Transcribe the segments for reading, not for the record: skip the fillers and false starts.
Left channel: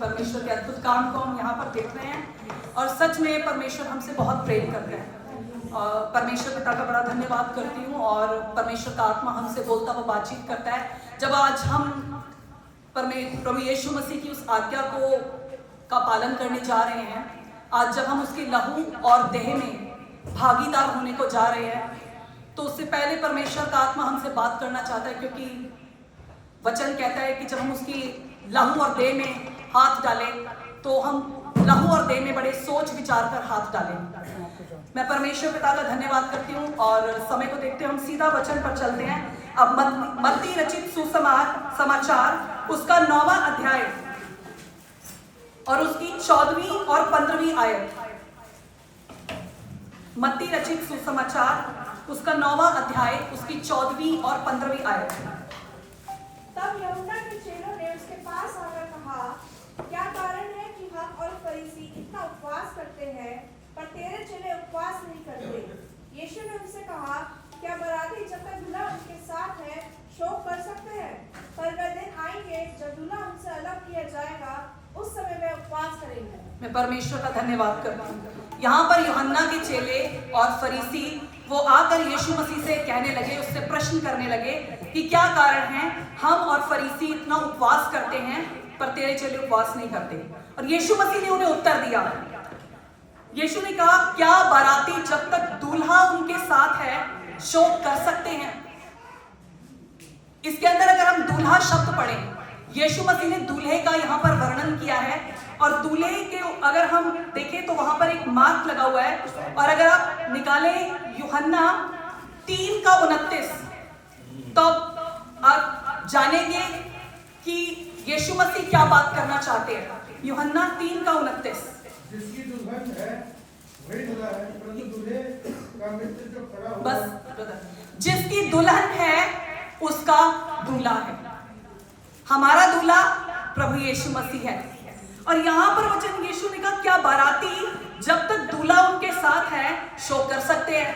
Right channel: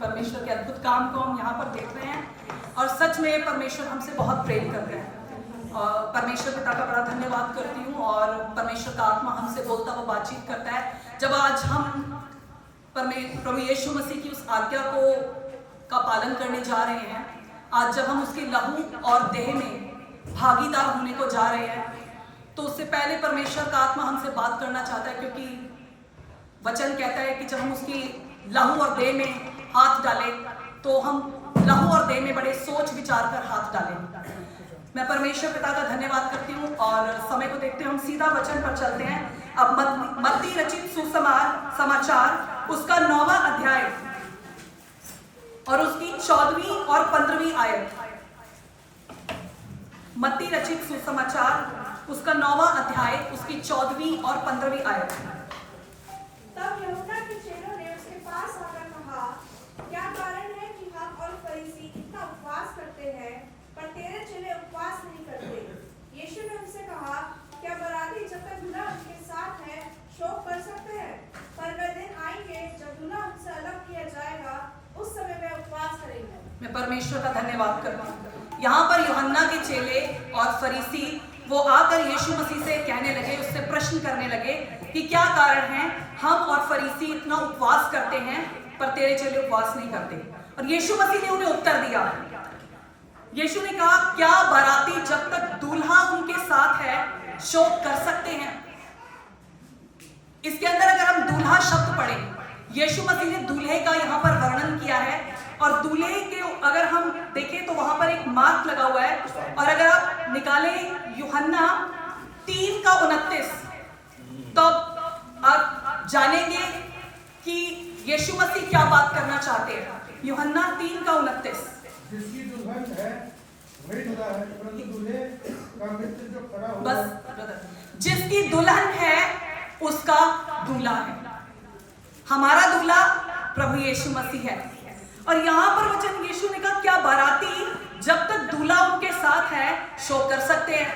परमेश्वर के अद्भुत काम को हम यहाँ पर देख रहे हैं और सच में परमेश्वर हमसे बहुत प्रेम करते हैं। परमेश्वर पिता का बड़ा धन्यवाद करती हूँ और परमेश्वर का आत्मा हमसे बोलता हुआ बातचीत करता है। जब आज हम प्रभु यीशु मसीह की उस आज्ञा का पालन करने जा रहे हैं, आज जब हम उसके लहू और देह में भागीदार होने को जा रहे हैं, तो उससे पहले परमेश्वर का आत्मा हमसे बात करना चाहता है, क्योंकि वचन कहता है कि जब हम उसकी लहू और देह में हाथ डालें तो हम लहू और देह में बड़े सोच विचार कर हाथ डालें। मैं परमेश्वर पिता का धन्यवाद करती हूँ और समय को देखते हम सीधा वचन पर चलते हैं। अब मत्ती रचित सुसमाचार उसका 9वां अध्याय और उसकी 14वीं और 15वीं आयत। मत्ती रचित सुसमाचार उसका 9वां अध्याय उसकी 14वीं और 15वीं आयत। तब यूहन्ना के चेलों ने उसके पास आकर कहा, क्या कारण है कि हम और फरीसी इतना उपवास करते हैं, पर तेरे चेले उपवास नहीं करते? यीशु ने उनसे कहा, क्या बराती जब तक दूल्हा उनके साथ है शोक कर सकते हैं? पर वह दिन आएंगे जब दूल्हा उनसे अलग किया जाएगा, उस समय वे उपवास करेंगे। मैं परमेश्वर का धन्यवाद करती हूँ। यहाँ पर यूहन्ना के चेले और फरीसी वो आकर यीशु मसीह से कहने लगे, उससे प्रश्न करने लगे कि क्या कारण है हम और फरीसी इतना उपवास करते हैं पर तेरे चेले उपवास नहीं करते। और यीशु मसीह ने उन्हें उत्तर दिया। यीशु ने कहा, क्या बाराती जब तक दूल्हा उनके साथ है शोक कर सकते हैं? इसके अंदर अगर हम दूल्हा शब्द पढ़ें, यीशु मसीह ने दूल्हे का यहाँ पर वर्णन किया है और दूल्हे के अगर हम देखें तो वहां पर एक मार्क लगा हुआ है। और अगर आप निकालें यूहन्ना 3:29, तब आप जानेंगे कि यीशु मसीह क्या बात करना चाहते हैं। यूहन्ना 3:29। जिसकी दुल्हन है वही दूल्हा है, परंतु दूल्हे का मित्र जो खड़ा हुआ बस जिसकी दुल्हन है उसका दूल्हा है। हमारा दूल्हा प्रभु यीशु मसीह है। और यहाँ पर वचन यीशु ने कहा, क्या बाराती जब तक दूल्हा उनके साथ है शोक कर सकते हैं?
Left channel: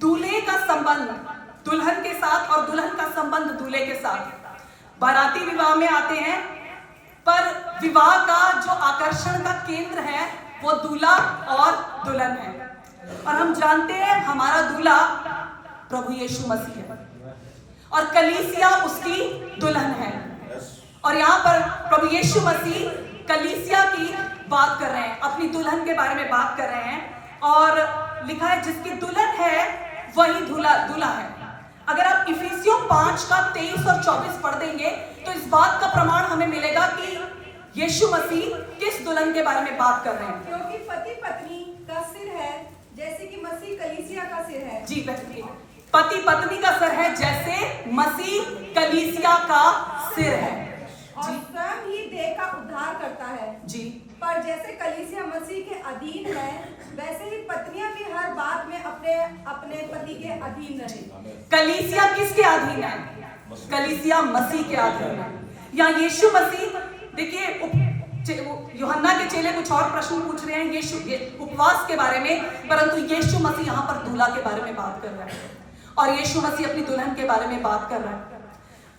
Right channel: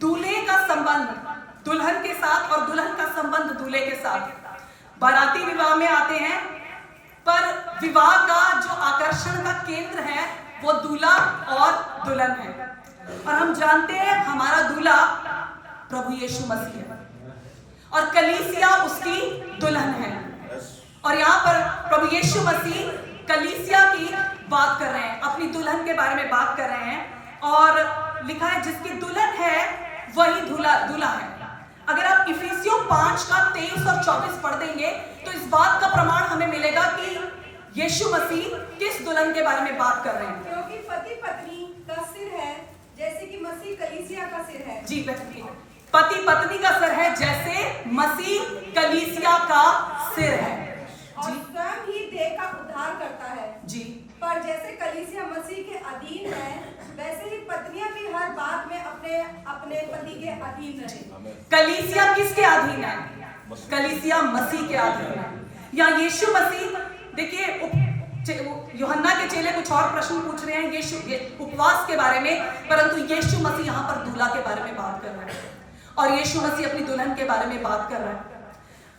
दूल्हे का संबंध दुल्हन के साथ और दुल्हन का संबंध दूल्हे के साथ। बाराती विवाह में आते हैं, पर विवाह का जो आकर्षण का केंद्र है वो दूल्हा और दुल्हन है। और हम जानते हैं हमारा दूल्हा प्रभु यीशु मसीह है और कलीसिया उसकी दुल्हन है। और यहाँ पर प्रभु यीशु मसीह कलीसिया की बात कर रहे हैं, अपनी दुल्हन के बारे में बात कर रहे हैं। और लिखा है जिसकी दुल्हन है वही दूल्हा है। अगर आप इफिसियों 5:23 और 24 पढ़ देंगे तो इस बात का प्रमाण हमें मिलेगा कि यीशु मसीह किस दुल्हन के बारे में बात कर रहे हैं। क्योंकि पति पत्नी का सिर है जैसे कि मसीह कलीसिया का सिर है। जी बेहतरीन। पति पत्नी का सिर है जैसे मसीह कलीसिया का सिर है। और स्वयं ही देह का उद्धार करता है। जी। पर जैसे कलीसिया मसीह के अधीन है, वैसे ही पत्नियां भी हर बात में अपने अपने पति के अधीन रहे। कलीसिया किसके अधीन है? कलीसिया मसीह के अधीन है। या यीशु मसीह, देखिए यूहन्ना के चेले कुछ और प्रश्न पूछ रहे हैं यीशु उपवास के बारे में, परंतु यीशु मसीह यहाँ पर दूल्हा के बारे में बात कर रहे हैं और यीशु मसीह अपनी दुल्हन के बारे में बात कर रहे हैं।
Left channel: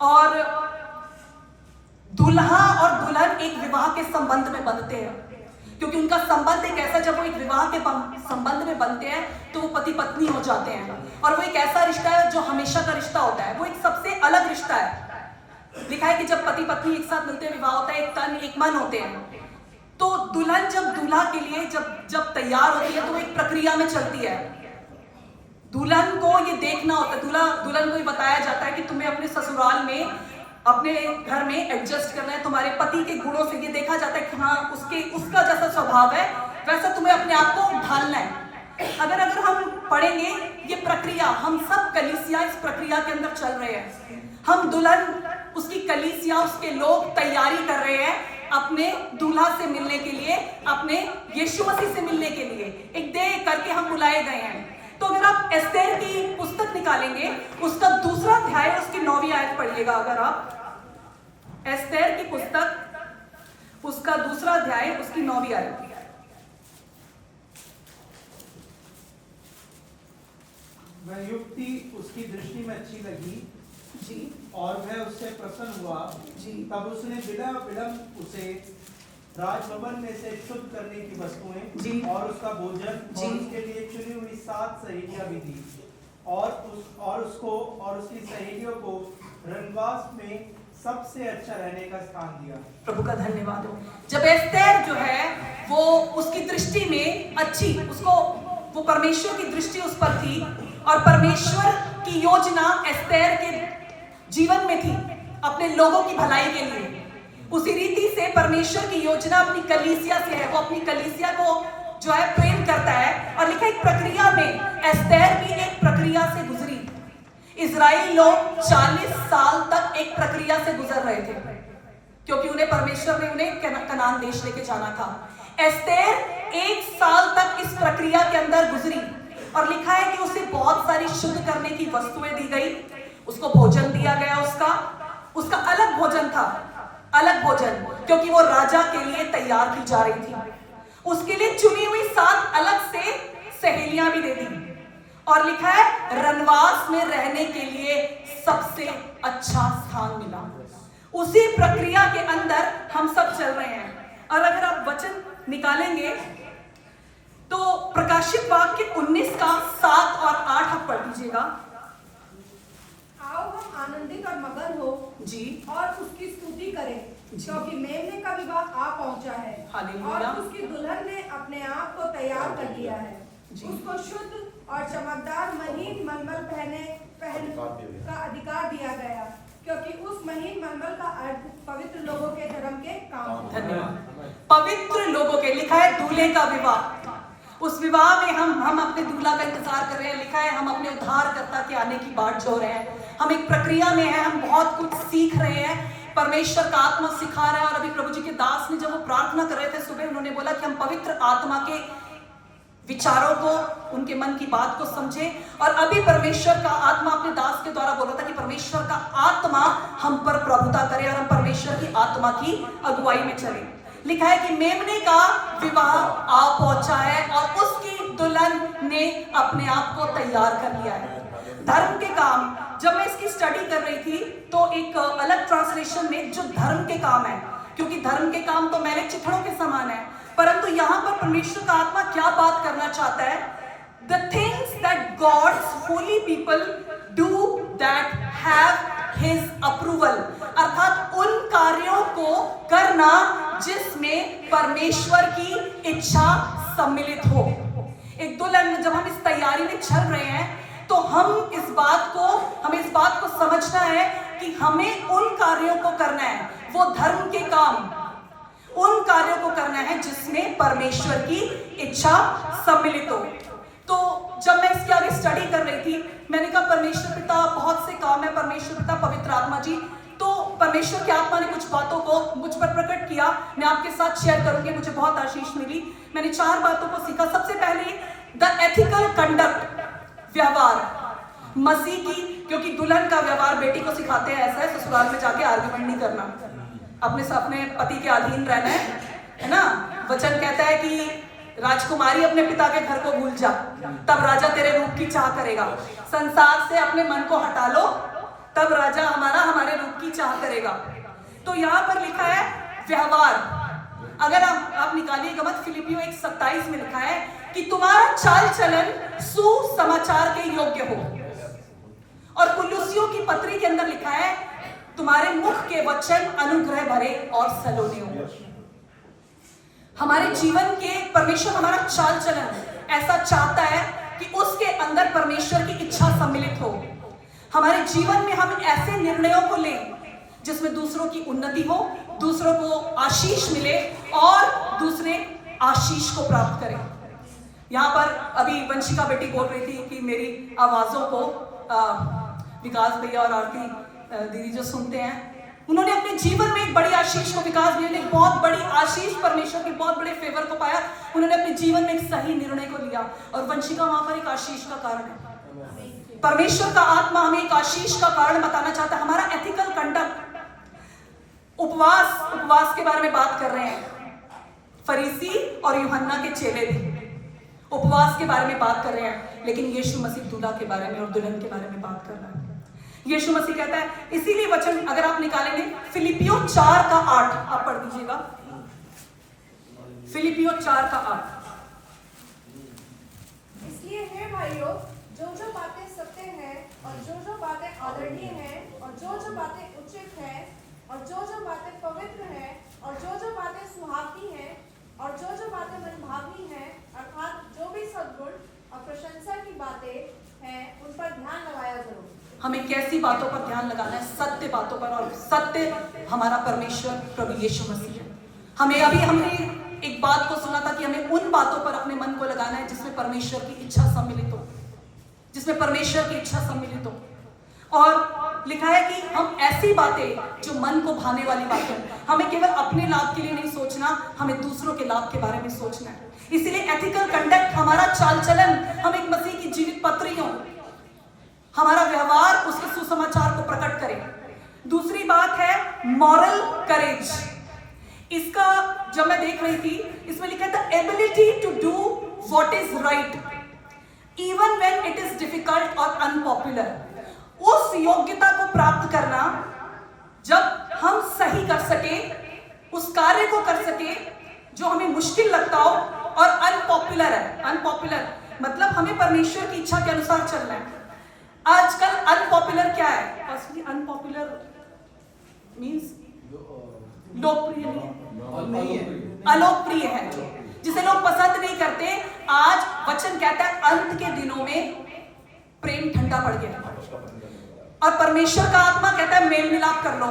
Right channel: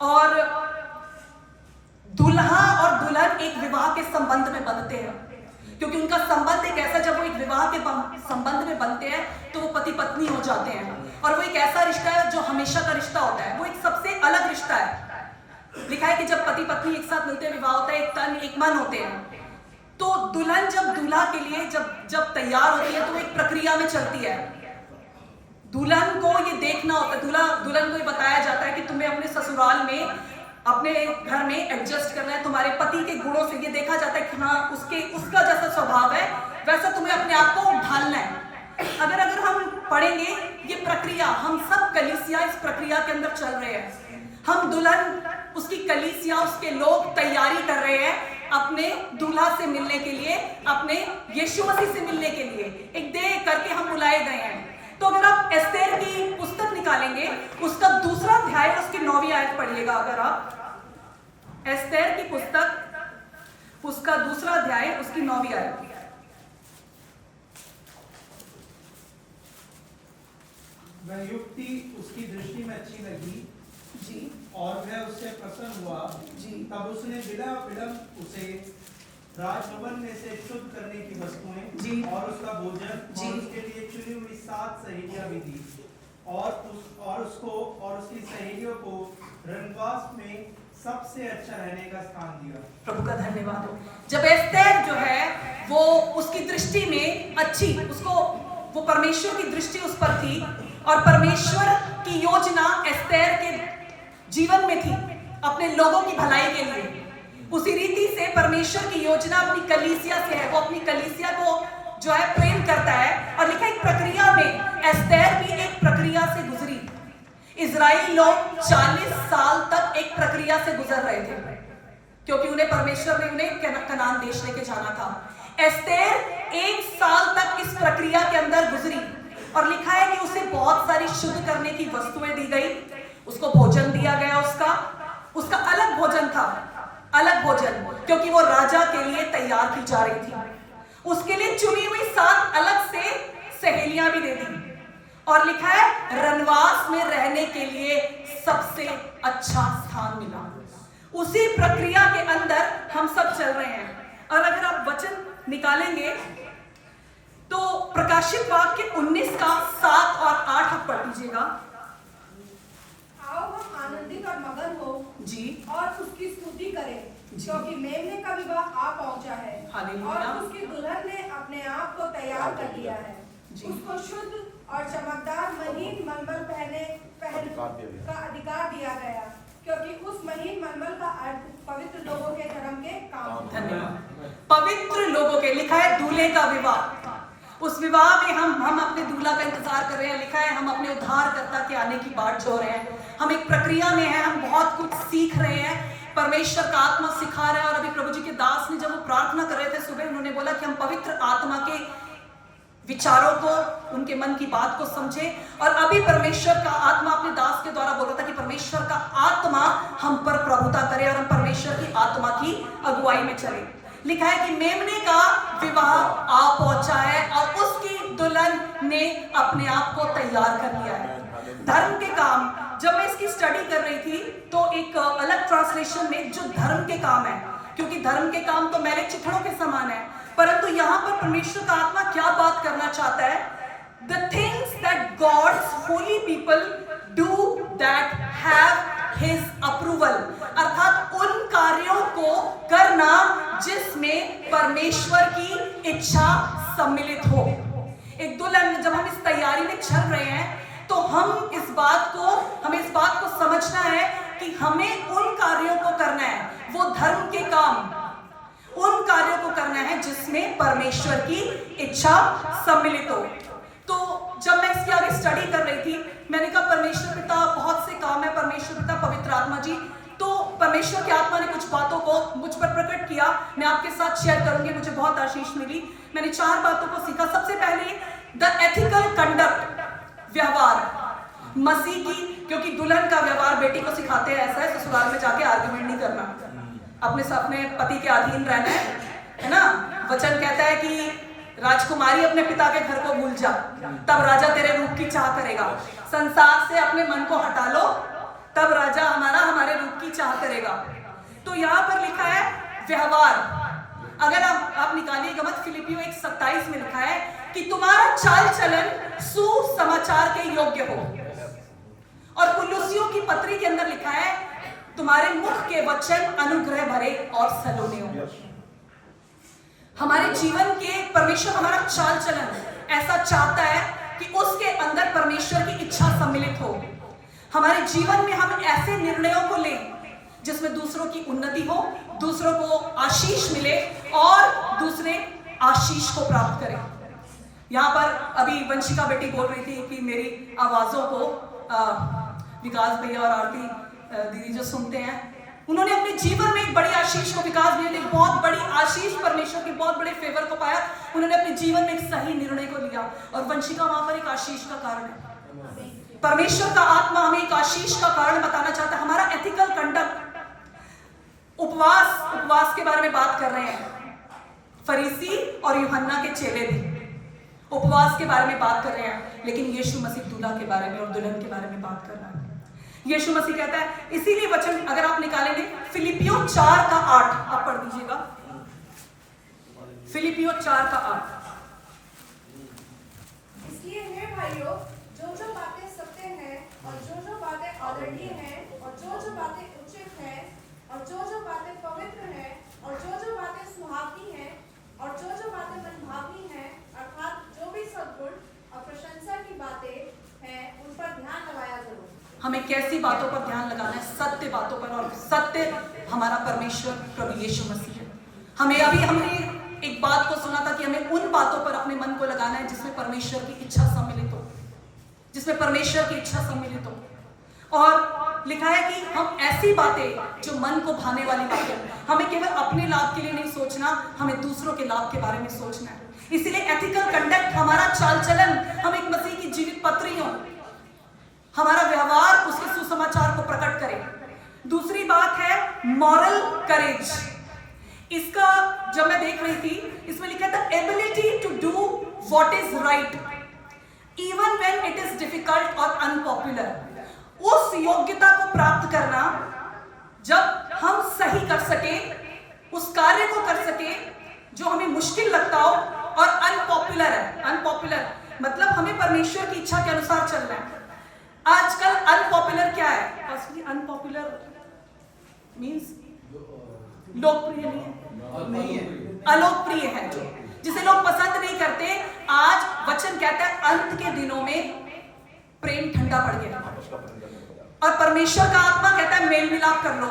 और दूल्हा और दुल्हन एक विवाह के संबंध में बनते हैं, क्योंकि उनका संबंध एक ऐसा, जब वो एक विवाह के संबंध में बनते हैं तो वो पति पत्नी हो जाते हैं। और वो एक ऐसा रिश्ता है जो हमेशा का रिश्ता होता है, वो एक सबसे अलग रिश्ता है। लिखा है कि जब पति पत्नी एक साथ मिलते हैं, विवाह होता है, एक तन एक मन होते हैं। तो दुल्हन जब दूल्हा के लिए जब तैयार होती है तो वो एक प्रक्रिया में चलती है। दुल्हन को ये देखना होता है, दुल्हन को ये बताया जाता है कि तुम्हें अपने ससुराल में अपने घर में एडजस्ट करना है। तुम्हारे पति के गुणों से ये देखा जाता है कि हाँ उसका जैसा स्वभाव है वैसा तुम्हें अपने आप को ढालना है। अगर हम पढ़ेंगे ये प्रक्रिया, हम सब कलीसिया इस प्रक्रिया के अंदर चल रहे हैं। हम दुल्हन, उसकी कलीसिया, उसके लोग तैयारी कर रहे हैं अपने दूल्हा से मिलने के लिए, अपने यीशु मसीह से मिलने के लिए। एक देह करके हम बुलाए गए हैं। तो अगर आप एस्तेर की पुस्तक निकालेंगे, उसका 2रा अध्याय उसकी 9वीं आयत पढ़िएगा। अगर आप एस्तेर की पुस्तक उसका 2रा अध्याय उसकी 9वीं आयत। वह युक्ति उसकी दृष्टि में अच्छी लगी जी। और वह उससे प्रसन्न हुआ। जी। तब उसने बिना विलंब उसे राजभवन में से शुद्ध करने की वस्तुएं जी। और उसका भोजन जी। और उसके लिए चुनी हुई 7 सहेलियां भी दी और उसकी सहेलियों को रनवास में सबसे अच्छा रहने का स्थान दिया। प्रभु का धन्यवाद हो। जब एस्तेर जो है वो उसकी दृष्टि में अच्छी, उसको वो परमेश्वर की दृष्टि उस पर थी और परमेश्वर की योजना एस्तेर के जीवन में थी अपने लोगों की भलाई के लिए। उसी रीति से परमेश्वर की योजना अपनी कलीसिया से है। वो अपनी कलीसिया को जो है प्रेम करता है और लिखा एक प्रक्रिया में एस्तेर भी एक प्रक्रिया से गुजरी। इजराइल लोग 40 साल तक एक प्रक्रिया से गुजर रहे थे क्योंकि उन्हें परमेश्वर ने उन्हें कनान देश लेके जाना था। एस्तेर 1 साल तक इस प्रक्रिया के अंदर गुजरी और लिखा है कि उसे बहुत सारी शुद्ध करने की वस्तुएं दी गई, उसको भोजन दिया गया, उसका अलग भोजन था, अलग भोजन, क्योंकि वो राजा के लिए तैयार की जा रही थी। उसके लिए चुनी हुई 7 अलग से सहेलियां भी दे दी और लिखा है रनवास में रहने के लिए सबसे अच्छा स्थान मिला। उसी प्रक्रिया के अंदर हम सब चल रहे हैं। और अगर आप वचन निकालेंगे तो प्रकाशित वाक्य 19 का 7 और 8 आप पढ़ लीजिएगा। आओ हम आनंदित और मगन हो जी। और उसकी स्तुति करें, जी। क्योंकि मेमने का विवाह आ पहुंचा है हालेलुया। और उसकी दुल्हन ने अपने आप को तैयार कर लिया है। जी। उसको शुद्ध और चमकदार महीन मलमल पहने का अधिकार दिया गया, क्योंकि उस महीन मलमल का अर्थ पवित्र लोगों के धर्म के काम है। धन्यवाद। पवित्र लोगों के, लिखा है दूल्हे का विवाह। उस विवाह में हम अपने दूल्हा का इंतजार कर रहे हैं। लिखा है हम अपने उद्धारकर्ता के आने की बाट जो रहे हैं। हम एक प्रक्रिया में हैं, हम बहुत कुछ सीख रहे हैं। परमेश्वर का आत्मा सिखा रहा है। और अभी प्रभु जी के दास ने जब वो प्रार्थना कर रहे थे सुबह, उन्होंने बोला कि हम पवित्र आत्मा के विचारों को, उनके मन की बात को समझे। और अभी परमेश्वर का आत्मा अपने दास के द्वारा बोल रहा था कि परमेश्वर का आत्मा हम पर प्रभुता करे और हम परमेश्वर की आत्मा की अगुवाई में चले। लिखा है कि मेमने का विवाह आ पहुंचा है और उसकी दुल्हन ने अपने आप को तैयार कर लिया है। धर्म के काम, जब मैं इसकी स्टडी कर रही थी तो एक अलग ट्रांसलेशन में जो धर्म के काम है, क्योंकि धर्म के काम तो मैले चिथड़ों के समान है, परंतु यहाँ पर परमेश्वर का आत्मा क्या बात करना चाहता है? The things that God's holy people do that have His approval, अर्थात उन कार्यों को करना जिसमें परमेश्वर की इच्छा सम्मिलित हो। एक दुल्हन, जब हम इस तैयारी में चल रहे हैं तो हमें इस बात को समझना है कि हमें उन कार्यों को करना है, वो धर्म के काम, उन कार्यों को करना है जिसमें परमेश्वर की इच्छा सम्मिलित हो। तो जब मैं इसकी आगे स्टडी कर रही थी, मैंने कहा परमेश्वर पिता, बहुत से काम है परमेश्वर पिता, पवित्र आत्मा जी। तो परमेश्वर की आत्मा ने कुछ बातों को मुझ पर प्रकट किया, मैं आपके साथ शेयर करूंगी। मुझे बहुत आशीष मिली। मैंने 4 बातों को सीखा। सबसे पहले द एथिकल कंडक्ट, व्यवहार मसीह की, क्योंकि दुल्हन का व्यवहार बेटी को सिखाते हैं ऐसा है, ससुराल में जाके आर्गुमेंट नहीं करना, अपने पति के अधीन रहना है ना। वचन कहता है कि राजकुमारी अपने पिता के घर को भूल जा, तब राजा तेरे रूप की चाह करेगा। संसार से अपने मन को हटा लो, तब राजा हमारे रूप की चाह करेगा। तो यहाँ पर लिखा है व्यवहार। अगर आप निकालिएगा मत, फिलिपियों 1:27 में लिखा है कि तुम्हारा चाल चलन सुसमाचार के योग्य हो। और कुलुस्सियों की पत्री के अंदर लिखा है तुम्हारे मुख के वचन अनुग्रह भरे और सलोने हो। हमारे जीवन के परमेश्वर हमारा चाल चलन ऐसा चाहता है कि उसके अंदर परमेश्वर की इच्छा सम्मिलित हो। हमारे जीवन में हम ऐसे निर्णयों को लें जिसमें दूसरों की उन्नति हो, दूसरों को आशीष मिले और दूसरे आशीष को प्राप्त करें। यहाँ पर अभी वंशिका बेटी बोल रही थी कि मेरी आवाजों को विकास भैया और आरती दीदी जो सुनते हैं, उन्होंने अपने जीवन में एक बड़ी आशीष को, विकास भैया ने एक बहुत बड़ी आशीष, परमेश्वर के बहुत बड़े फेवर को पाया। उन्होंने अपने जीवन में एक सही निर्णय को लिया और वंशिका वहां पर एक आशीष का कारण है। परमेश्वर का आत्मा हमें एक आशीष का कारण बताना चाहता है। हमारा एथिकल कंडक्ट, उपवास के बारे में बात कर रहे हैं। फरीसी और यूहन्ना के चेले भी उपवास के बारे में बात कर रहे हैं, लेकिन यीशु मसीह दूल्हा के बारे में और दुल्हन के बारे में बात कर रहा है। यीशु मसीह कहता है, इसीलिए वचन अगर आप निकालेंगे फिलिपियों 4:8 आप पढ़ दीजिएगा। फिलिपियों 4:8। इसलिए हे भाइयों, जो बातें सत्य हैं और जो बातें आदरणीय हैं और जो बातें उचित हैं और जो बातें पवित्र हैं और जो बातें सुहावनी हैं और जो बातें मनभावनी हैं, अर्थात जो भी सद्गुण और प्रशंसा की बातें हैं, उन पर ध्यान लगाया करो। हमें कैसी बातों पर ध्यान लगाना है? सत्य बातों पर, और सत्य हमारा परमेश्वर प्रभु यीशु मसीह है। हमने एक बात को सुना था कि हमें उन बातों पर अपने मन को लगाना है जिसमें परमेश्वर की इच्छा सम्मिलित हो, जिसमें परमेश्वर की इच्छा सम्मिलित हो। और लिखा है कि हम ऐसी बातें जो मन को भाने वाली बातें, हमें केवल अपने लाभ के लिए नहीं सोचना, हमें दूसरों के लाभ के बारे में सोचना है। इसीलिए एथिकल कंडक्ट, हमारा चाल चलन, हम एक मसीह की जीवित पत्री हो, हमारा व्यवहार उसके सुसमाचार को प्रकट करे। दूसरी बात है मॉरल करेज। इसका जब मैं देख रही थी, इसमें लिखा था ability to do what is right even when it is difficult और अनपॉपुलर। उस योग्यता को प्राप्त करना जब हम सही कर सके, उस कार्य को कर सके जो हमें मुश्किल लगता हो और अनपॉपुलर है। अनपॉपुलर मतलब हमें परमेश्वर की इच्छा के अनुसार चलना है। आजकल अनपॉपुलर क्या है? फर्स्टली अनपॉपुलर मींस लोकप्रिय नहीं है, अलोकप्रिय है, जिसे लोग पसंद नहीं करते। आज वचन कहता है अंत के दिनों में प्रेम ठंडा पड़ गया, और परमेश्वर का आत्मा कहता है मेल मिलाप कर लो।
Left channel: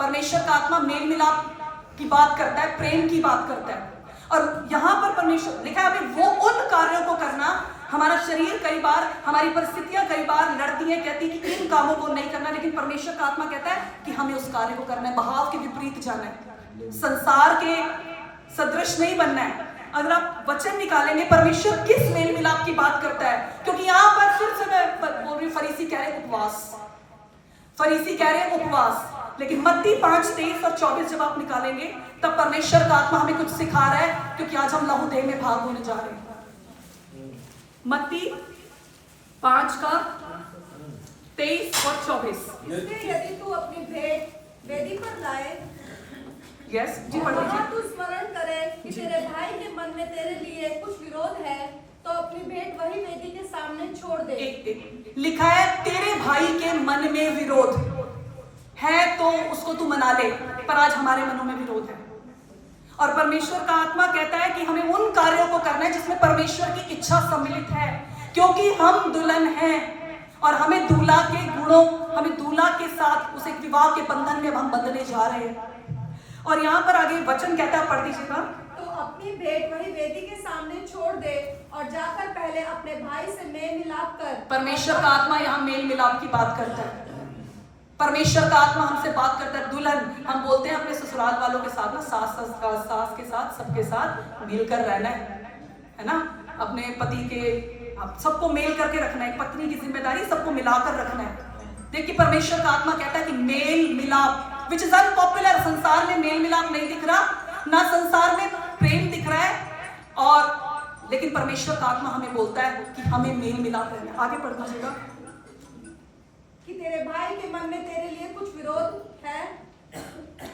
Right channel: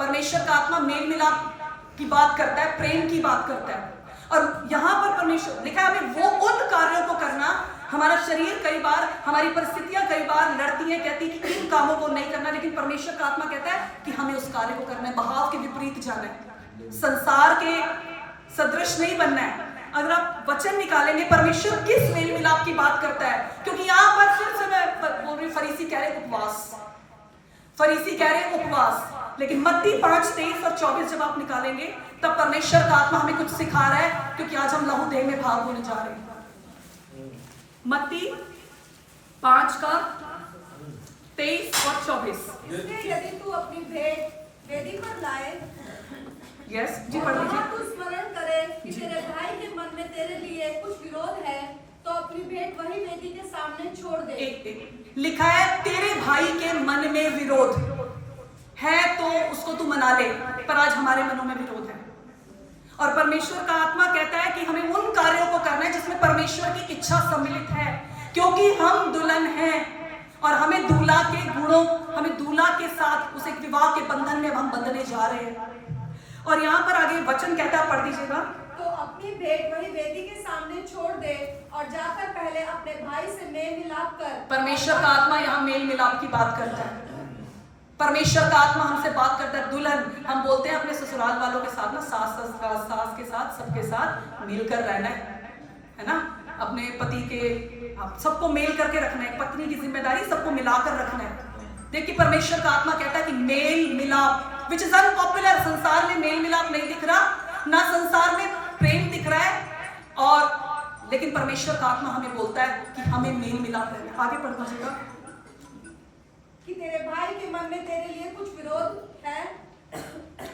परमेश्वर का आत्मा मेल मिलाप की बात करता है, प्रेम की बात करता है। और यहां पर परमेश्वर लिखा है हमें वो उन कार्यों को करना। हमारा शरीर कई बार, हमारी परिस्थितियां कई बार लड़ती है, कहती है कि इन कामों को नहीं करना, लेकिन परमेश्वर का आत्मा कहता है कि हमें उस कार्य को करना है, बहाव के विपरीत जाना है, संसार के सदृश नहीं बनना है। अगर आप वचन निकालेंगे परमेश्वर किस मेल मिलाप की बात करता है, क्योंकि यहां पर फिर से मैं बोल रही हूं, फरीसी कह रहे उपवास, फरीसी कह रहे उपवास, लेकिन मत्ती 5:23 और 24 जब आप निकालेंगे तब परमेश्वर का आत्मा हमें कुछ सिखा रहा है, क्योंकि आज हम लहू देह में भाग होने जा रहे हैं। मत्ती 5:23 और 24। इसलिए यदि तू अपनी भेंट वेदी पर लाए, यस जी, पढ़ और लीजिए। तू स्मरण करे कि तेरे भाई के मन में तेरे लिए कुछ विरोध है, तो अपनी भेंट वही वेदी के सामने छोड़ दे। एक लिखा है तेरे भाई के मन में विरोध है तो उसको तू मना ले, पर आज हमारे मनों में विरोध है। और परमेश्वर का आत्मा कहता है कि हमें उन कार्यों को करना है जिसमें परमेश्वर की इच्छा सम्मिलित है, क्योंकि हम दुल्हन हैं और हमें दूल्हा के गुणों, हमें दूल्हा के साथ उस एक विवाह के बंधन में हम बंधने जा रहे हैं। और यहाँ पर आगे वचन कहता है, पढ़ दीजिएगा। तो अपनी भेंट वही वेदी के सामने छोड़ दे और जाकर पहले अपने भाई से मेल मिलाप कर। परमेश्वर का आत्मा यहाँ मेल मिलाप की बात करता है। परमेश्वर का आत्मा हमसे बात करता है। दुल्हन हम बोलते हैं अपने ससुराल वालों के साथ ना, सास के साथ, सबके साथ मिलकर रहना है ना, अपने पति के सबको मेल करके रखना है, पत्नी की जिम्मेदारी सबको मिलाकर रखना है। देखिए परमेश्वर का आत्मा कहता है कि मेल मिलाप विच इज अनपॉपुलर। संसार में मेल मिलाप नहीं दिख रहा, ना संसार में प्रेम दिख रहा है, और लेकिन परमेश्वर का आत्मा हमें बोलता है कि हमें मेल मिलाप रहना है। आगे पढ़ दीजिएगा। कि तेरे भाई के मन में तेरे लिए कुछ विरोध है,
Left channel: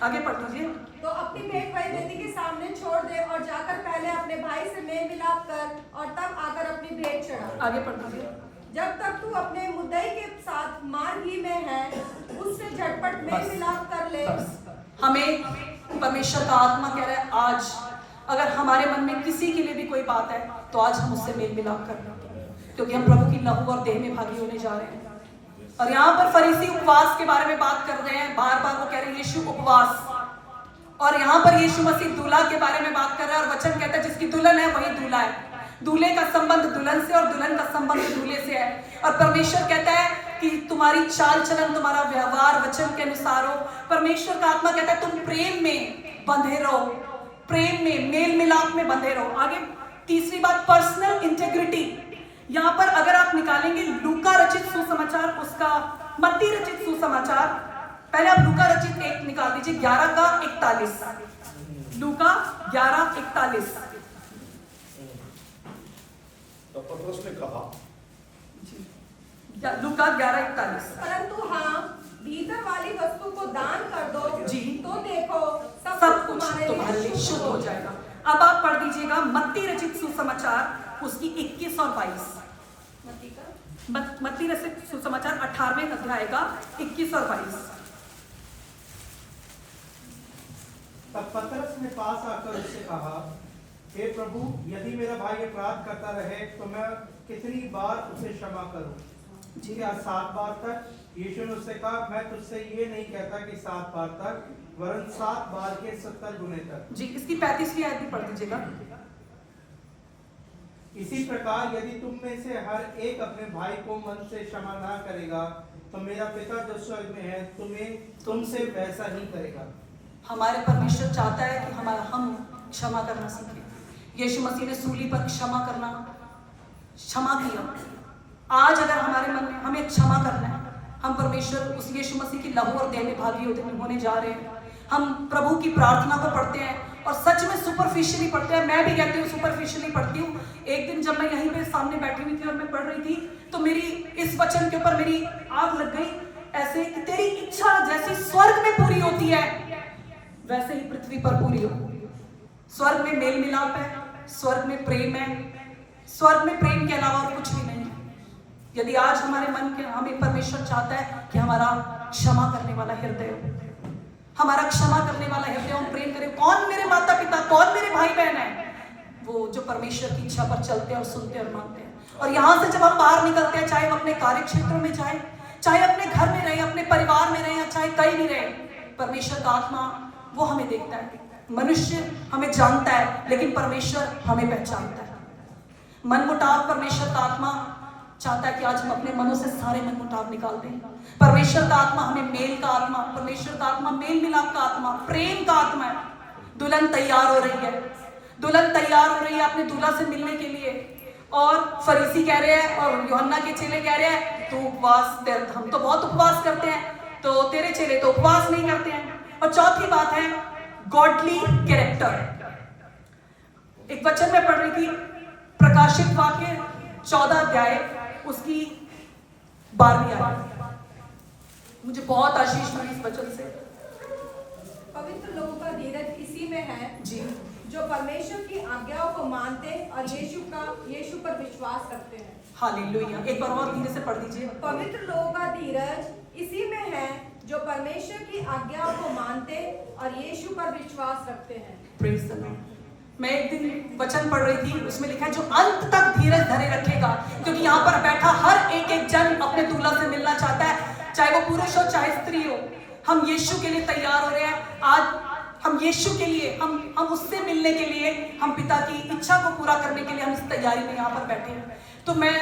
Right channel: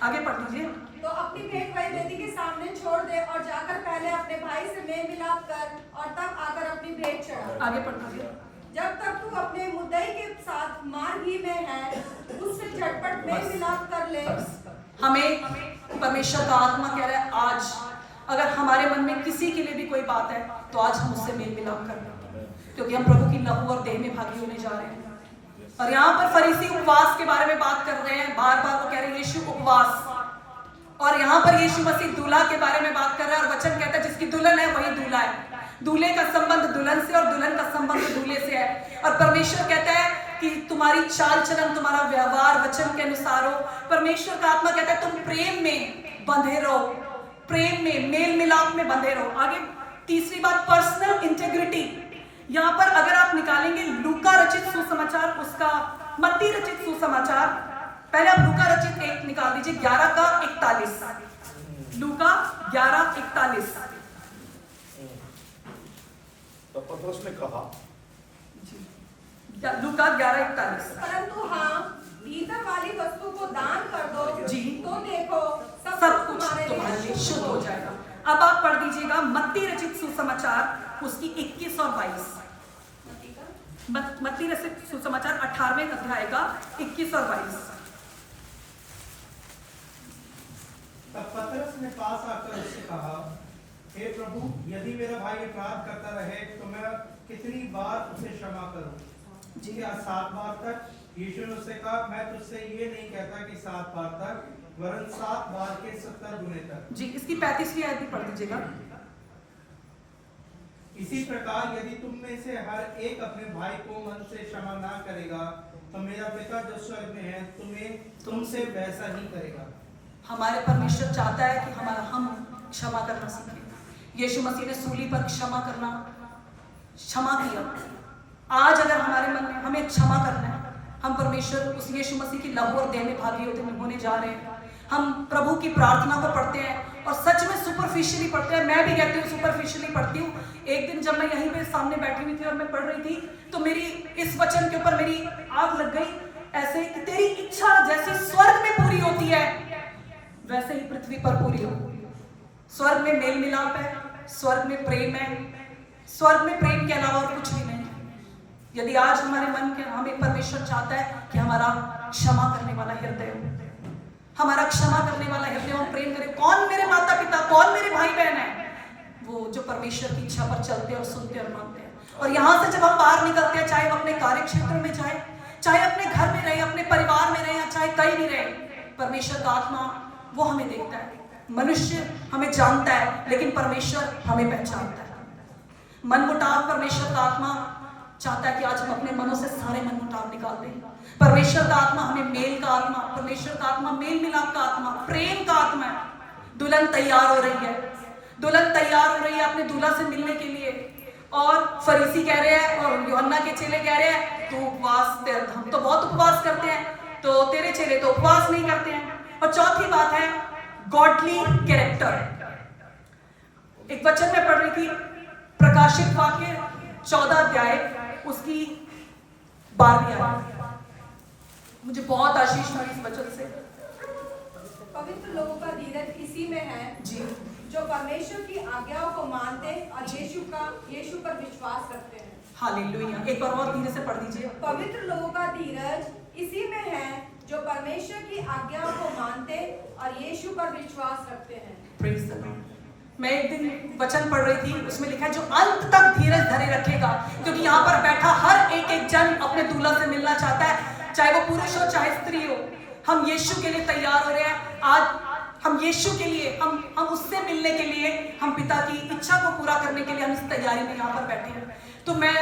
आगे पढ़ दीजिए। तो अपनी भेंट वही वेदी के सामने छोड़ दे और जाकर पहले अपने भाई से मेल मिलाप कर और तब आकर अपनी भेंट चढ़ा। आगे पढ़ दीजिए। जब तक तू अपने मुद्दई के साथ मार्ग ही में है, उससे झटपट मेल मिलाप कर ले। हमें परमेश्वर का आत्मा कह रहा है आज अगर हमारे मन में किसी के लिए भी कोई बात है तो आज हम उससे मेल मिलाप कर लें, क्योंकि हम प्रभु की लहू और देह में भागी होने जा रहे हैं। और यहाँ पर फरीसी उपवास के बारे में बात कर रहे हैं, बार बार वो कह रहे हैं यीशु उपवास, और यहाँ पर यीशु मसीह दूल्हा के बारे में बात कर रहा है। और वचन कहता है जिसकी दुल्हन है वही दूल्हा है। दूल्हे का संबंध दुल्हन से और दुल्हन का संबंध दूल्हे से है। और परमेश्वर कहता है कि तुम्हारी चाल चलन, तुम्हारा व्यवहार वचन के अनुसार हो। परमेश्वर का आत्मा कहता है तुम प्रेम में बंधे रहो, प्रेम में, मेल मिलाप में बंधे रहो। आगे तीसरी बात पर्सनल इंटेग्रिटी। यहाँ पर अगर आप निकालेंगे लूका रचित सुसमाचार, उसका मत्ती रचित सुसमाचार, पहले आप लूका रचित 1 निकाल दीजिए 11:41। लूका 11:41। तब पतरस ने कहा, लूका 11:41। परंतु हाँ, भीतर वाली वस्तु को दान कर दो जी। तो देखो सब कुछ तुम्हारे लिए शुभ हो जाएगा। अब आप पढ़ दीजिएगा मत्ती रचित सुसमाचार उसकी 21 और 22। मत्ती रचित सुसमाचार 18वें अध्याय का 21 और 22। तब पतरस ने पास आकर उससे कहा, हे प्रभु, यदि मेरा भाई अपराध करता रहे तो मैं कितनी बार उसे क्षमा करूं? जी क्या 7 बार तक? यीशु ने उससे कहा, मैं तुझसे ये नहीं कहता कि 7 बार तक, वरन 7 बार के 70 गुने तक। जी, इसकी 35वीं आयत भी पढ़ दीजिएगा। इसी प्रकार यदि तुम में से हर एक अपने भाई को मन से क्षमा ना करेगा तो मेरा पिता जो स्वर्ग में है तुमसे वैसा ही करेगा। हमारे परमेश्वर चाहता है कि हम क्षमा करना सीखें। यीशु मसीह ने सूली पर क्षमा किया। आज अगर हमारे मन में हमें क्षमा करना है, हम परमेश्वर उस यीशु मसीह की लहू और देह में भागी होने जा रहे हैं। हम प्रभु की प्रार्थना को पढ़ते हैं और सच में सुपरफिशियली पढ़ते हैं। मैं भी कहती हूँ सुपरफिशियली पढ़ती हूँ। एक दिन जब मैं यहीं पे सामने बैठी हुई थी और मैं पढ़ रही थी तो मेरी इस वचन के ऊपर मेरी आग लग गई, ऐसे कि तेरी इच्छा जैसे स्वर्ग में पूरी होती है वैसे ही पृथ्वी पर पूरी हो। स्वर्ग में मेल मिलाप है, स्वर्ग में प्रेम है, स्वर्ग में प्रेम के अलावा और कुछ भी नहीं है। यदि आज हमारे मन के हमें परमेश्वर चाहता है कि हमारा क्षमा करने वाला हृदय हो, हमारा क्षमा करने वाला हृदय हम प्रेम करें। कौन मेरे माता पिता, कौन मेरे भाई बहन है? वो जो परमेश्वर की इच्छा पर चलते हैं और सुनते और मानते हैं। और यहाँ से जब हम बाहर निकलते हैं, चाहे हम अपने कार्य क्षेत्र में जाए, चाहे अपने घर में रहे, अपने परिवार में रहे, चाहे कहीं भी रहे, परमेश्वर का आत्मा वो हमें देखता है। मनुष्य हमें जानता है लेकिन परमेश्वर हमें पहचानता है। मनमुटाव परमेश्वर का आत्मा चाहता है कि आज हम अपने मनों से सारे मनमुटाव निकाल दें। परमेश्वर का आत्मा हमें मेल का आत्मा, परमेश्वर का आत्मा मेल मिलाप का आत्मा, प्रेम का आत्मा है। दुल्हन तैयार हो रही है, दुल्हन तैयार हो रही है अपने दूल्हा से मिलने के लिए, और फरीसी कह रहे हैं और यूहन्ना के चेले कह रहे हैं तो उपवास, हम तो बहुत उपवास करते हैं, तो तेरे चेले तो उपवास नहीं करते हैं। और चौथी बात है गॉडली कैरेक्टर। एक वचन में पढ़ रही थी, प्रकाशित वाक्य 14 अध्याय उसकी 12वीं आयत। मुझे बहुत आशीष मिली इस वचन से। पवित्र लोगों का धीरज इसी में है जी, जो परमेश्वर की आज्ञाओं को मानते और यीशु पर विश्वास करते हैं। हालेलुया। एक बार और धीरे से पढ़ दीजिए। पवित्र लोगों का धीरज इसी में है जो परमेश्वर की आज्ञाओं को मानते और यीशु पर विश्वास रखते हैं। Praise the Lord. मैं एक दिन वचन पढ़ रही थी, उसमें लिखा है जो अंत तक धीरज धरे रखेगा, क्योंकि यहाँ पर बैठा हर एक जन अपने दूल्हा से मिलना चाहता है, चाहे वो पुरुष हो चाहे स्त्री हो। हम यीशु के लिए तैयार हो रहे हैं। आज हम यीशु के लिए, हम उससे मिलने के लिए, हम पिता की इच्छा को पूरा करने के लिए हम इस तैयारी में यहाँ पर बैठे हैं। तो मैं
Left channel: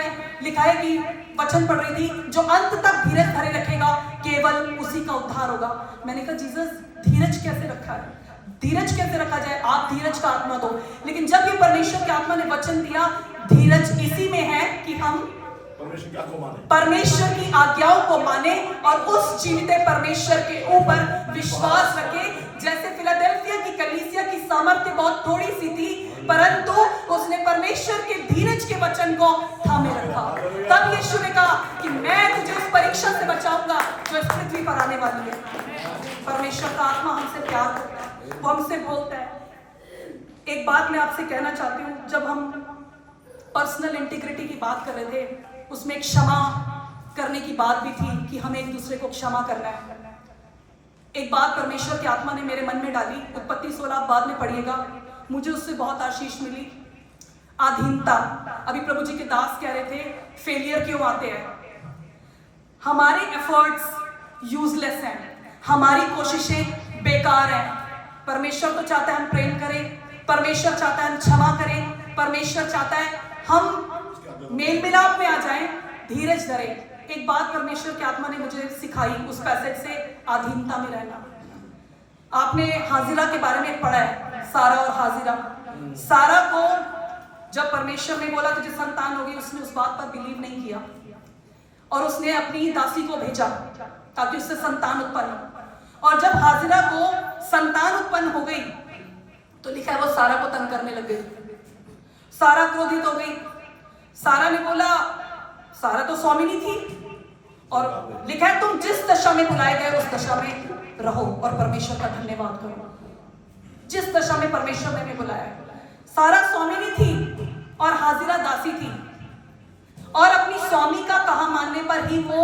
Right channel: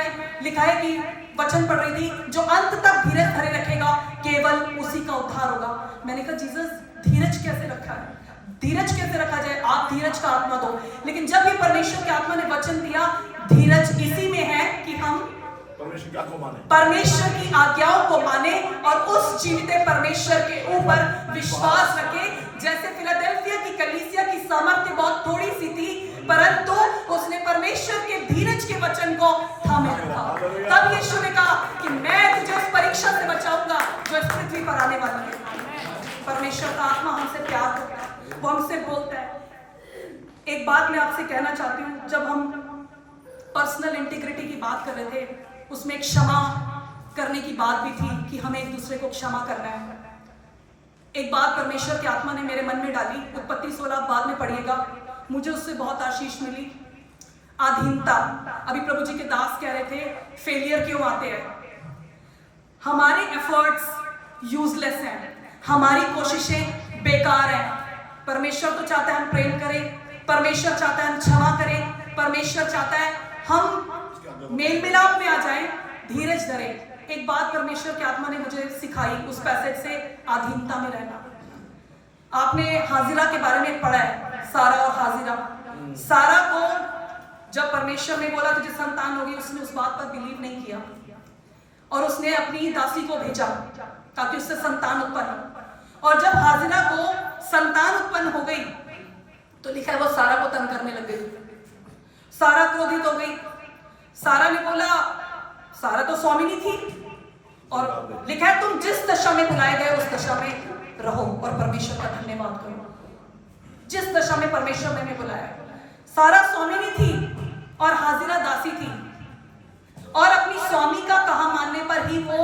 लिखा है कि वचन पढ़ रही थी, जो अंत तक धीरज धरे रखेगा केवल उसी का उद्धार होगा। मैंने कहा जीसस, धीरज कैसे रखा है? धीरज कैसे रखा जाए? आप धीरज का आत्मा दो। लेकिन जब भी परमेश्वर के आत्मा ने वचन दिया, धीरज इसी में है कि हम परमेश्वर की आज्ञाओं को माने और उस जीवित परमेश्वर के ऊपर विश्वास रखें। जैसे फिलाडेल्फिया की कलीसिया की सामर्थ्य बहुत थोड़ी सी थी, परंतु उसने परमेश्वर के धीरज के वचन को थामे रखा। तब यीशु ने कहा कि मैं तुझे उस परीक्षा से बचाऊंगा जो इस पृथ्वी पर आने वाली है। परमेश्वर का आत्मा हमसे प्यार करता है, वो हमसे बोलता है। एक बात मैं आपसे कहना चाहती हूँ, जब हम पर्सनल इंटीग्रिटी की बात कर रहे थे, उसमें क्षमा करने की बात भी थी कि हमें एक दूसरे को क्षमा करना है। एक बात परमेश्वर की आत्मा ने मेरे मन में डाली, उत्पत्ति 16 बाद में पढ़िएगा, मुझे उससे बहुत आशीष मिली। अधीनता। अभी प्रभु जी के दास कह रहे थे फेलियर क्यों आते हैं? हमारे एफर्ट्स यूजलेस हैं, हमारी कोशिशें बेकार हैं। परमेश्वर तो चाहता है हम प्रेम करें, परमेश्वर चाहता है हम क्षमा करें, परमेश्वर चाहता है हम मेल मिलाप में आ जाएं, धीरज धरें। एक बात परमेश्वर की आत्मा ने मुझे सिखाई उस पैसेज से, अधीनता में रहना। आपने हाजिरा के बारे में पढ़ा है, सारा और हाजिरा। सारा को जब परमेश्वर ने बोला तुझे संतान होगी, उसने उस बात पर बिलीव नहीं किया और उसने अपनी दासी को भेजा ताकि उससे संतान उत्पन्न हो। और जब हाजिरा को संतान उत्पन्न हो गई तो लिखा है वो सारा को तंग करने लग गई। सारा क्रोधित हो गई। सारा ने बोला, सारा तो स्वामिनी थी, और लिखा है तुम जिस दशा में बुलाए गए उस दशा में रहो और परमेश्वर का धन्यवाद करो। जिस दशा में परमेश्वर ने हमें बुलाया। सारा स्वामिनी थी और हाजिरा दासी थी, और अपनी स्वामी का कहा मानने पर ही वो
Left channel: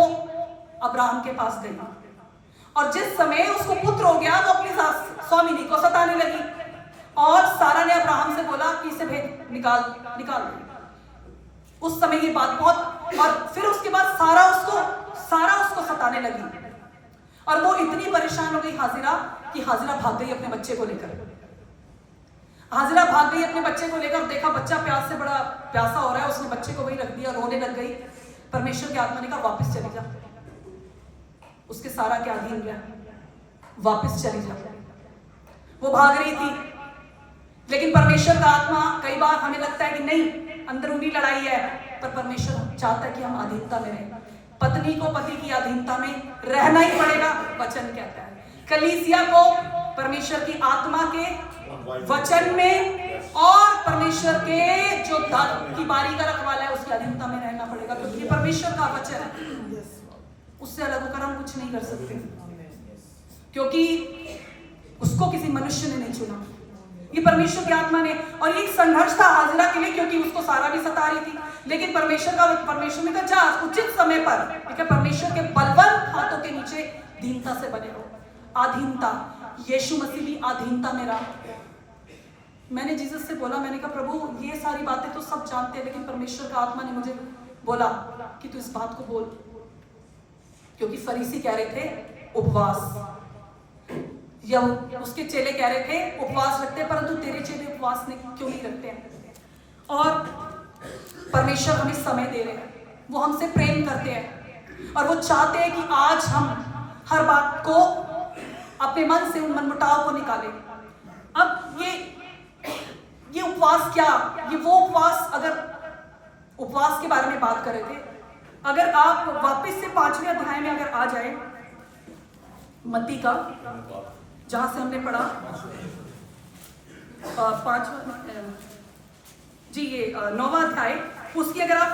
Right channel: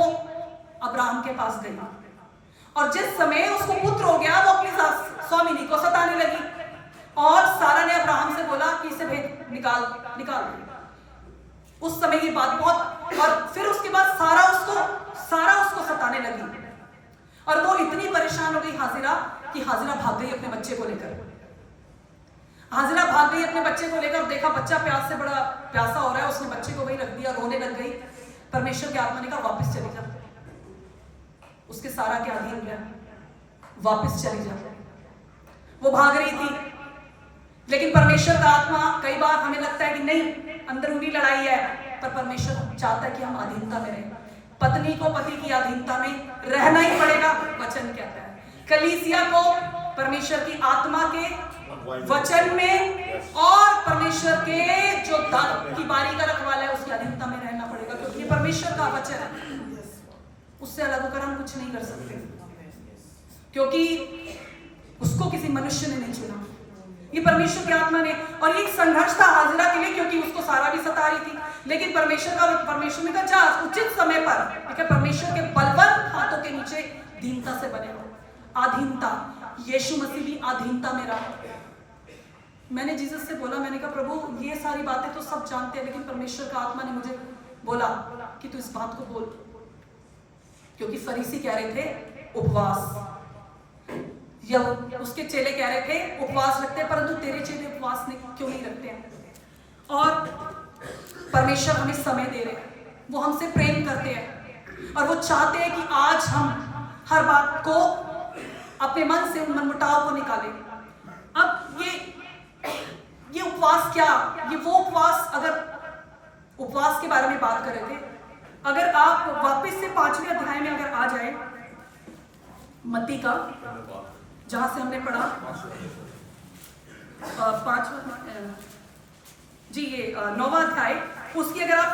अब्राहम के पास गई, और जिस समय उसको पुत्र हो गया वो अपनी स्वामिनी को सताने लगी, और सारा ने अब्राहम से बोला कि इसे भेज निकाल। उस समय ये बात बहुत, और फिर उसके बाद सारा उसको सताने लगी, और वो इतनी परेशान हो गई हाजिरा कि हाजिरा भाग गई अपने बच्चे को लेकर। हाजिरा भाग गई अपने बच्चे को लेकर, देखा बच्चा प्यास से बड़ा प्यासा हो रहा है, उसने बच्चे को वही रख दिया, रोने लग गई। परमेश्वर की आत्मा ने कहा वापस चली जा, उसके सारा के अधीन रह, वापस चली जा। वो भाग रही थी, लेकिन परमेश्वर का आत्मा, कई बार हमें लगता है कि नहीं अंदरूनी लड़ाई है, पर परमेश्वर चाहता है कि हम अधीनता में रहें। पत्नी को पति की अधीनता में रहना ही पड़ेगा, वचन कहता है। कलीसिया को परमेश्वर की आत्मा के वचन में और परमेश्वर के जो की बारी का रखवाला है उसकी अधीनता में रहना पड़ेगा, क्योंकि परमेश्वर का वचन है, उससे अलग होकर हम कुछ नहीं कर सकते, क्योंकि उसको किसी मनुष्य ने नहीं चुना, ये परमेश्वर की आत्मा ने। और ये एक संघर्ष था हाजिरा के लिए, क्योंकि उसको सारा भी सता रही थी, लेकिन परमेश्वर ने कहा जा उचित समय पर, ठीक है, परमेश्वर के बलवंत हाथों के नीचे दीनता से बने रहो। अधीनता, यीशु मसीह भी अधीनता में रहा। मैंने जीसस से बोला, मैंने कहा प्रभु ये सारी बातें तो सब जानते हैं, लेकिन परमेश्वर का आत्मा ने मुझे बोला कि तू इस बात को बोल, क्योंकि फरीसी कह रहे थे उपवास, या उसके चेले कह रहे थे उपवास रखते हैं, परंतु तेरे चेले उपवास क्यों नहीं रखते हैं। और परमेश्वर हमें समय दे रहे हैं, वो हमसे प्रेम करते हैं, और वो चाहते हैं कि आज हम हर बात को अपने मन से, उन मनमुटाव को निकालें। अब ये उपवास क्या, ये वो उपवास, अगर उपवास के बारे में बात कर रहे थे, अगर आप वापस से 5वें अध्याय में अगर आ जाए, मत्ती का, जहां से हमने पढ़ा 9वां अध्याय, उसकी अगर आप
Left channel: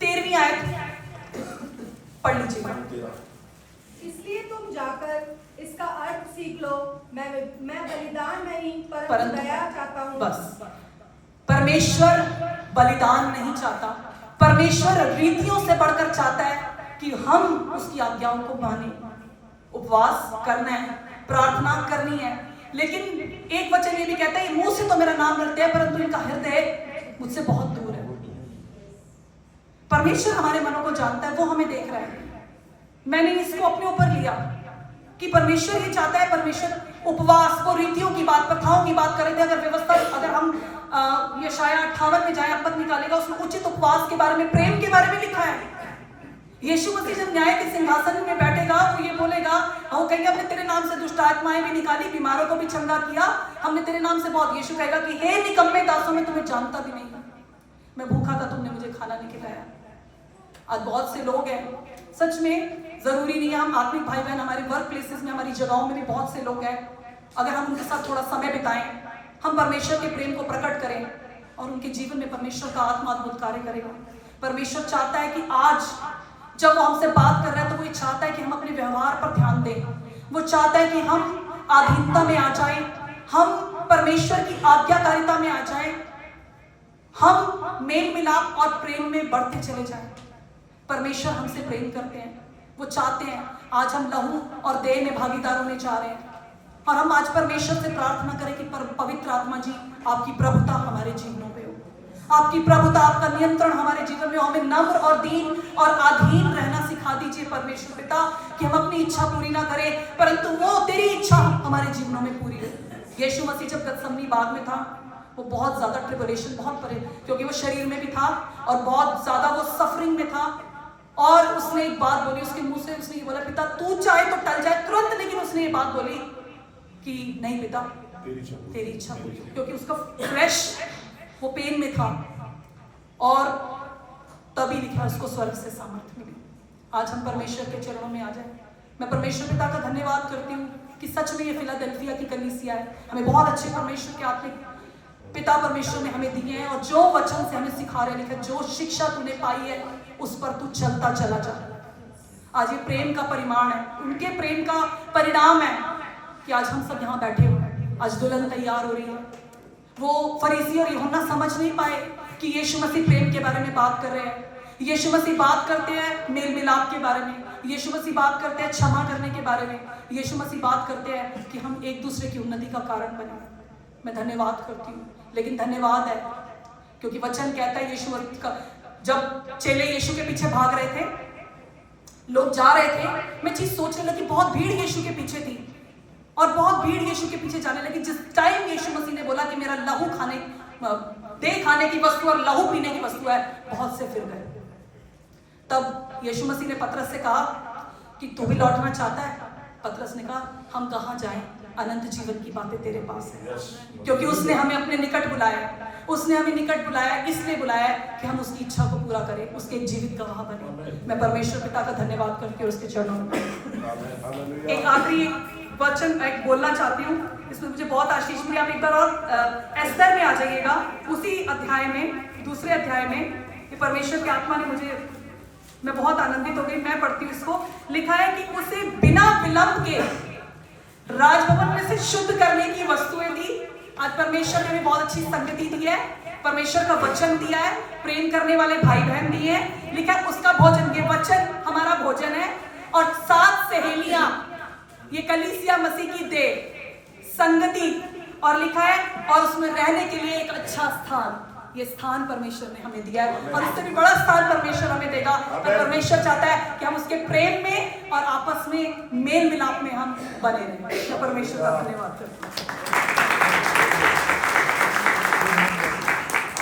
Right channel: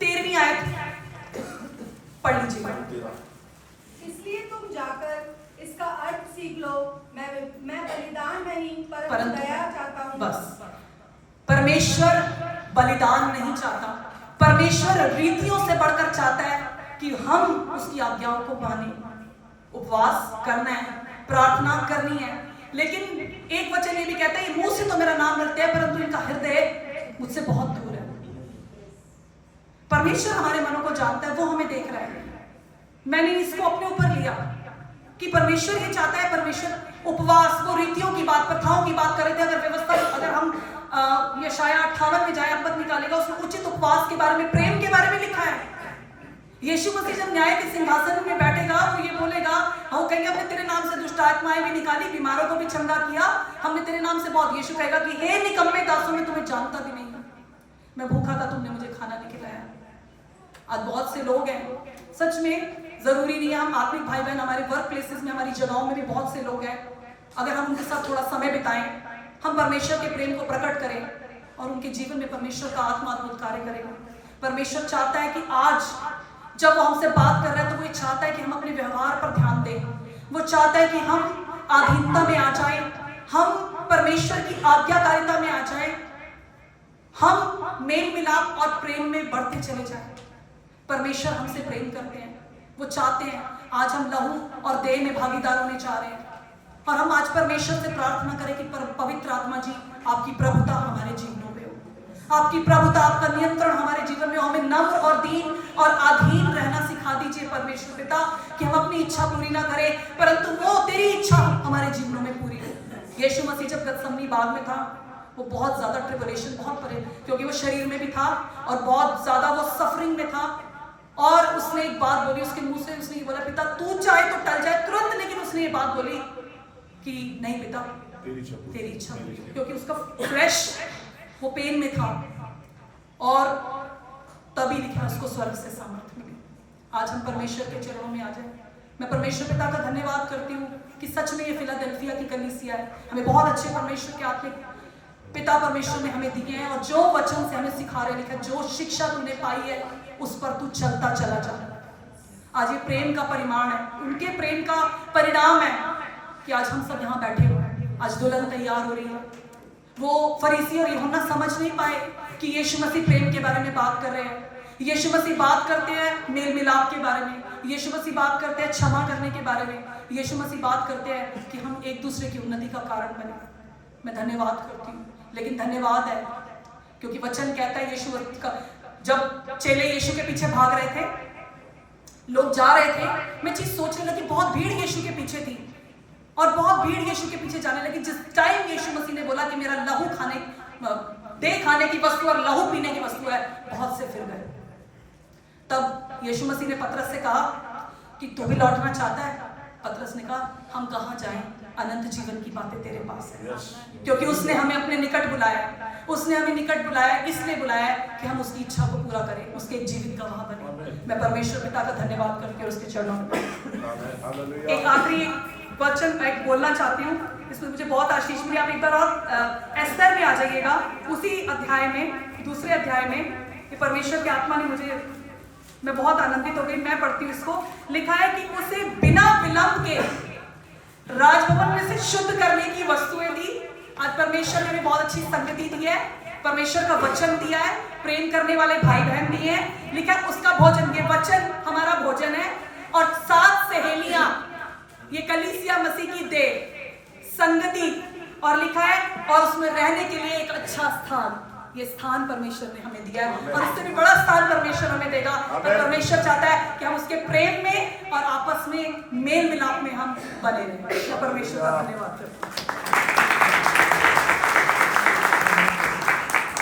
13वीं आयत पढ़ लीजिएगा। इसलिए तुम जाकर इसका अर्थ सीख लो, मैं बलिदान नहीं परंतु दया चाहता हूँ। बस, परमेश्वर बलिदान नहीं चाहता, परमेश्वर रीतियों से बढ़कर चाहता है कि हम उसकी आज्ञाओं को माने। उपवास करना है, प्रार्थना करनी है, लेकिन एक वचन ये भी कहता है मुंह से तो मेरा नाम लेते हैं, परंतु इनका हृदय मुझसे बहुत दूर है। परमेश्वर हमारे मनों को जानता है, वो हमें देख रहा है। मैंने इसको अपने ऊपर लिया कि परमेश्वर ये चाहता है, परमेश्वर उपवास, वो रीतियों की बात, प्रथाओं की बात कर रहे थे। अगर व्यवस्था, अगर हम यशाया 58 में जाए, पद निकालेगा, उसमें उचित उपवास के बारे में, प्रेम के बारे में लिखा है। यीशु मसीह जब न्याय के सिंहासन में बैठेगा, वो ये बोलेगा, वो कहेंगे हमने तेरे नाम से दुष्ट आत्माएं भी निकाली, बीमारों को भी चंगा किया, हमने तेरे नाम से बहुत। यीशु कहेगा कि हे निकम्मे दासों, मैं तुम्हें जानता भी नहीं, मैं भूखा था तुमने मुझे खाना नहीं खिलाया। आज बहुत से लोग हैं, सच में जरूरी नहीं है, हम आत्मिक भाई बहन हमारे वर्क प्लेसेस में, हमारी जगहों में भी बहुत से लोग हैं, अगर हम उनके साथ थोड़ा समय बिताएं, हम परमेश्वर के प्रेम को प्रकट करें, और उनके जीवन में परमेश्वर का आत्मा अद्भुत कार्य करेगा। परमेश्वर चाहता है कि आज जब वो हमसे बात कर रहा है, तो वो ये चाहता है कि हम अपने व्यवहार पर ध्यान दें। वो चाहता है कि हम अधीनता में आ जाएं, हम परमेश्वर की आज्ञाकारिता में आ जाएं, हम मेल मिलाप और प्रेम में बढ़ते चले जाएं। परमेश्वर हमसे प्रेम करते हैं, वो चाहते हैं आज हम लहू और देह में भागीदार होने जा रहे हैं, और हम आज परमेश्वर से प्रार्थना करें कि पवित्र आत्मा जी, आपकी प्रभुता हमारे जीवनों में हो, आपकी प्रभुता, आपका नियंत्रण हमारे जीवन में हो। हमें नम्र और दीन और अधीन रहना सिखा दीजिए परमेश्वर पिता, कि हम अपनी इच्छा पूरी ना करें, परंतु वो तेरी इच्छा हमारे जीवनों में पूरी हो। यीशु मसीह जब गतसमनी बाग में था, वो बहुत ज्यादा ट्रिबुलेशन, बहुत परे, क्योंकि वो शरीर में भी था और बहुत ज्यादा वो सफरिंग में था, और उसने एक बात बोली, उसके मुंह से उसने ये बोला, पिता तू चाहे तो टल जाए तुरंत, लेकिन उसने ये बात बोली कि नहीं पिता, तेरी इच्छा, क्योंकि उसका फ्लैश वो पेन में था, और तभी लिखा उसको स्वर्ग से सामर्थ्य मिली। आज हम परमेश्वर के चरणों में आ जाए। मैं परमेश्वर पिता का धन्यवाद करती हूँ कि सच में ये फिलाडेल्फिया की कलीसिया है, हमें बहुत अच्छे परमेश्वर के आत्मिक पिता परमेश्वर ने हमें दिए हैं, और जो वचन से हमें सिखा रहे, लिखा जो शिक्षा तूने पाई है उस पर तू चलता चला जा, आज ये प्रेम का परिमाण है, उनके प्रेम का परिणाम है कि आज हम सब यहाँ बैठे हुए हैं। आज दुल्हन तैयार हो रही है। वो फरीसी और यूहन्ना समझ नहीं पाए कि यीशु मसीह प्रेम के बारे में बात कर रहे हैं। यीशु मसीह बात करते हैं मेल मिलाप के बारे में, यीशु मसीह बात करते हैं क्षमा करने के बारे में, यीशु मसीह बात करते हैं कि हम एक दूसरे की उन्नति का कारण बने। मैं धन्यवाद करती हूँ, लेकिन धन्यवाद है क्योंकि वचन कहता है यीशु का, जब चेले यीशु के पीछे भाग रहे थे, लोग जा रहे थे, मैं चीज सोचने लगी, बहुत भीड़ यीशु के पीछे थी और बहुत भीड़ यीशु के पीछे जाने लगी। जिस टाइम यीशु मसीह ने बोला कि मेरा लहू खाने की वस्तु और लहू पीने की वस्तु है, बहुत से फिर गए। तब यीशु मसीह ने पतरस से कहा कि तू भी लौटना चाहता है? पतरस ने कहा हम कहाँ जाएं, अनंत जीवन की बातें तेरे पास है। क्योंकि उसने हमें अपने निकट बुलाया, उसने हमें निकट बुलाया, इसलिए बुलाया कि हम उसकी इच्छा को पूरा करें, उसके एक जीवित गवाह बने। मैं परमेश्वर पिता का धन्यवाद करके और उसके चरणों में एक आखिरी वचन मैं बोलना चाहती हूँ, इसमें मुझे बहुत आशीष मिली। आप एक बार और एस्तर में आ जाइएगा, उसी अध्याय में, दूसरे अध्याय में, कि परमेश्वर की आत्मा ने मुझे, मैं बहुत आनंदित हो गई। मैं पढ़ती हूँ इसको। लिखा है कि उसे बिना विलंब के राजभवन में से शुद्ध करने की वस्तुएं दी। आज परमेश्वर ने हमें बहुत अच्छी संगति दी है, परमेश्वर का वचन दिया है, प्रेम करने वाले भाई बहन दिए हैं। लिखा है उसका भोजन, ये वचन हमारा भोजन है, और 7 सहेलियां, ये कलीसिया मसीह की देह संगति, और लिखा है और उसमें रहने के लिए एक अच्छा स्थान। ये स्थान परमेश्वर ने हमें दिया है और इससे भी बड़ा स्थान परमेश्वर हमें देगा। तो परमेश्वर चाहता है कि हम उसके प्रेम में और आपस में मेल मिलाप में हम बने रहें। परमेश्वर का धन्यवाद करते हैं।